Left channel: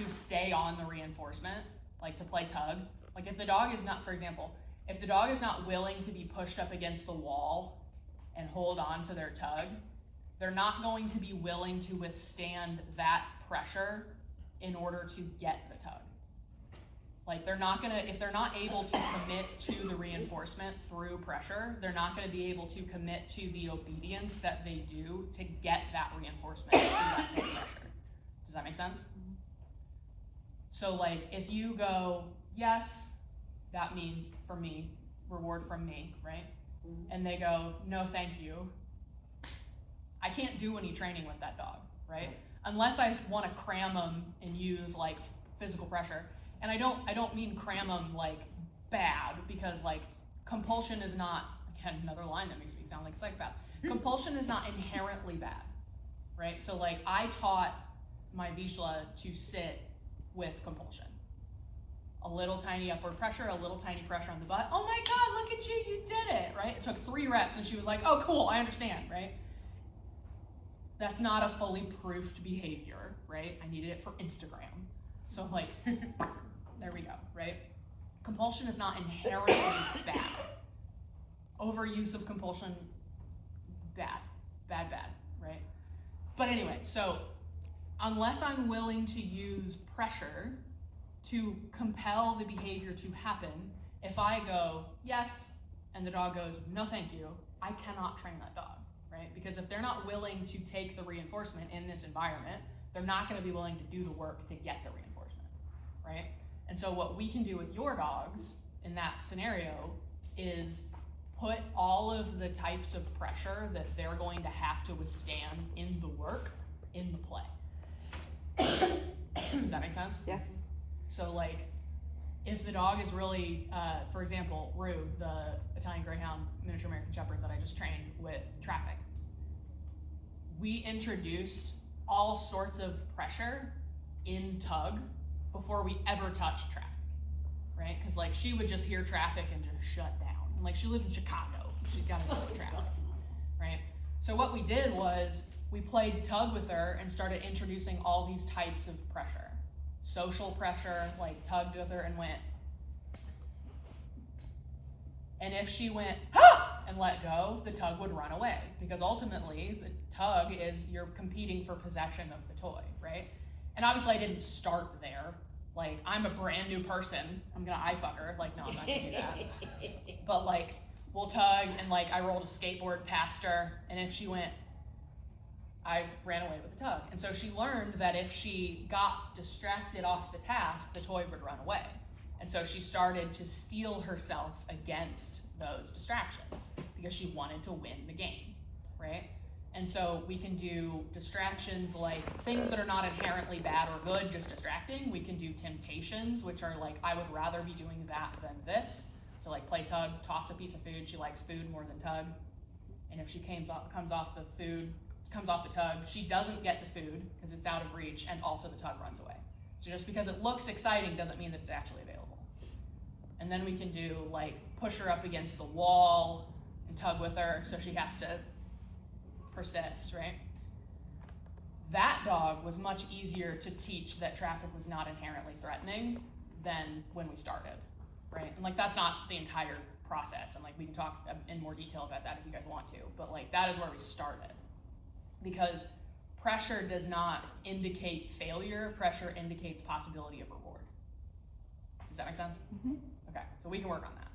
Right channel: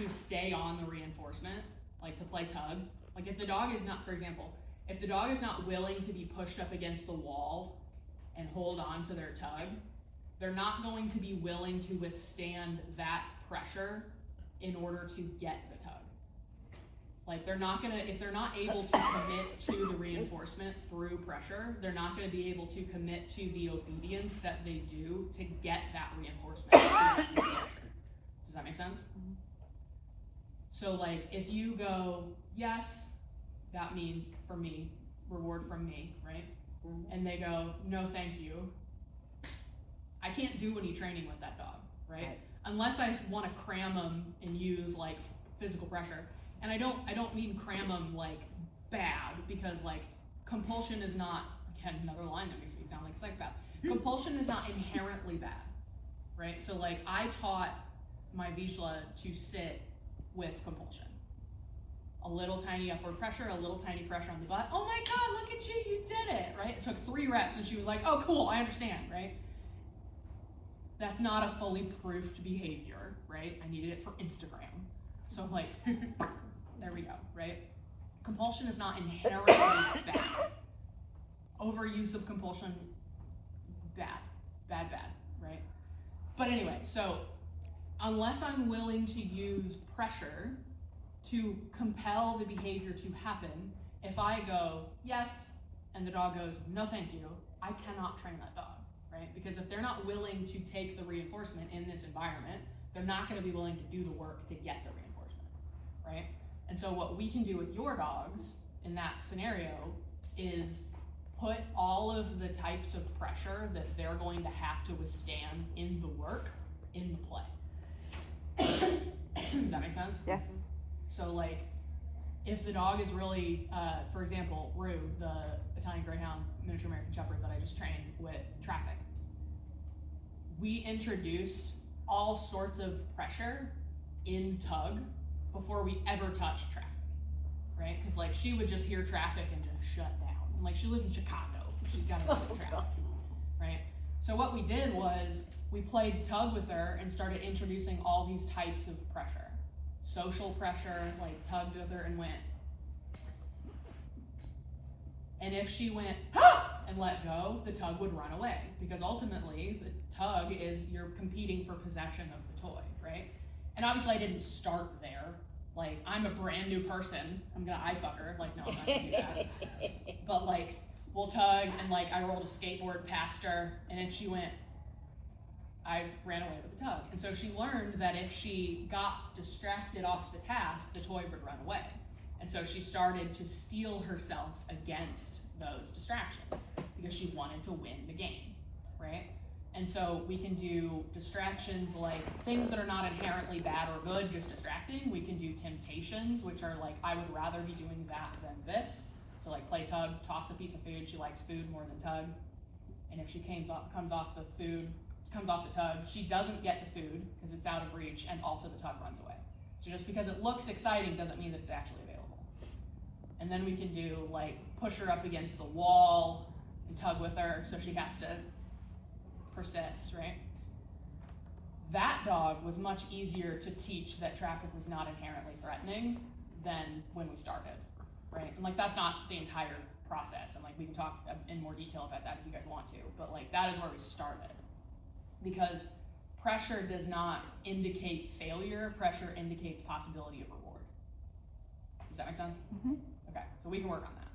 to stay on the reinforcement, like to play tug. Like if the dog is not, for example, if the dog is not willing to be pushed up against the wall and hold on to their tug, they're not going to be willing to withstand that pressure in order to get the tug. Like they're not gonna, if they're not able to commit to the reinforcement through pressure, they're not gonna be able to commit to the obedience that they do to get that reinforcement through that same pressure. Does that make sense? So like if you go, yes, that means for me, reward from me, right? And they go, no, thank you. I can't do any training with that dog, right? Unless I want to cram them and use like physical pressure. And I don't mean cram them like bad, because like compulsion is not, again, another line that makes me sound like a psychopath. Compulsion is not inherently bad, right? So like I taught my Vizsla to sit with compulsion. A little tiny upward pressure, a little tiny pressure on the butt. Oh my God, look at you, you did it, right? It took 3 reps and she was like, oh cool, I understand, right? That's not a fully proofed behavior, right? I needed it for Instagram. So like, there we go, right? Compulsion is not inherently bad. Overuse of compulsion, bad, right? But anyway, so unless I'm willing to use pressure to compel the behavior to happen, if I go, yes, and the dog goes, no thank you, I cannot train that dog, right? Because if they're not willing to take the reinforcement in this environment, they're not gonna be willing to do the work to get the reinforcement, right? And so what we can do with your dogs in that scenario is put all of the types of pressure that they're going to have to withstand in the work, in the play. Does that make sense? Yes. So like, if the dog is really, for example, Rue, the Italian Greyhound miniature American Shepherd that I just trained with traffic, we introduced all sorts of pressure in tug before we ever touched traffic, right? Because like she would just hear traffic and just shut down. And like she lives in Chicago, she's got to deal with traffic, right? So what we did was we played tug with her and started introducing all these types of pressure. Social pressure, like tugged with her and went. And if she went, ah! And let go, the tug would run away. Because ultimately, the tug is you're competing for possession of the toy, right? And obviously I didn't start there. Like, I'm a brand new person. I'm gonna eye fuck her. Like, no, I'm not gonna do that. But like, we'll tug and like I rolled a skateboard past her, and if she went, I ran away with the tug. And so she learned that if she got distracted off the task, the toy would run away. And so she started to steel herself against those distractions because she wanted to win the game, right? And so we can do distractions like things that are not inherently bad or good, just distracting. We can do temptations, which are like, I would rather be doing that than this. So like play tug, toss a piece of food. She likes food more than tug. And if she comes off the tug, she doesn't get the food because it's out of reach, and also the tug runs away. So just because it looks exciting doesn't mean that it's actually available. And then we can do like push her up against the wall and tug with her so she has to persist, right? That dog was much easier to teach that traffic was not inherently threatening than when we started, right? And like that's not the entire process, and like we can talk in more detail about that if you guys want to, but like that is where we started. Because pressure does not indicate failure, pressure indicates possibility of reward. Does that make sense? Mm-hmm. Okay, so we can work on that.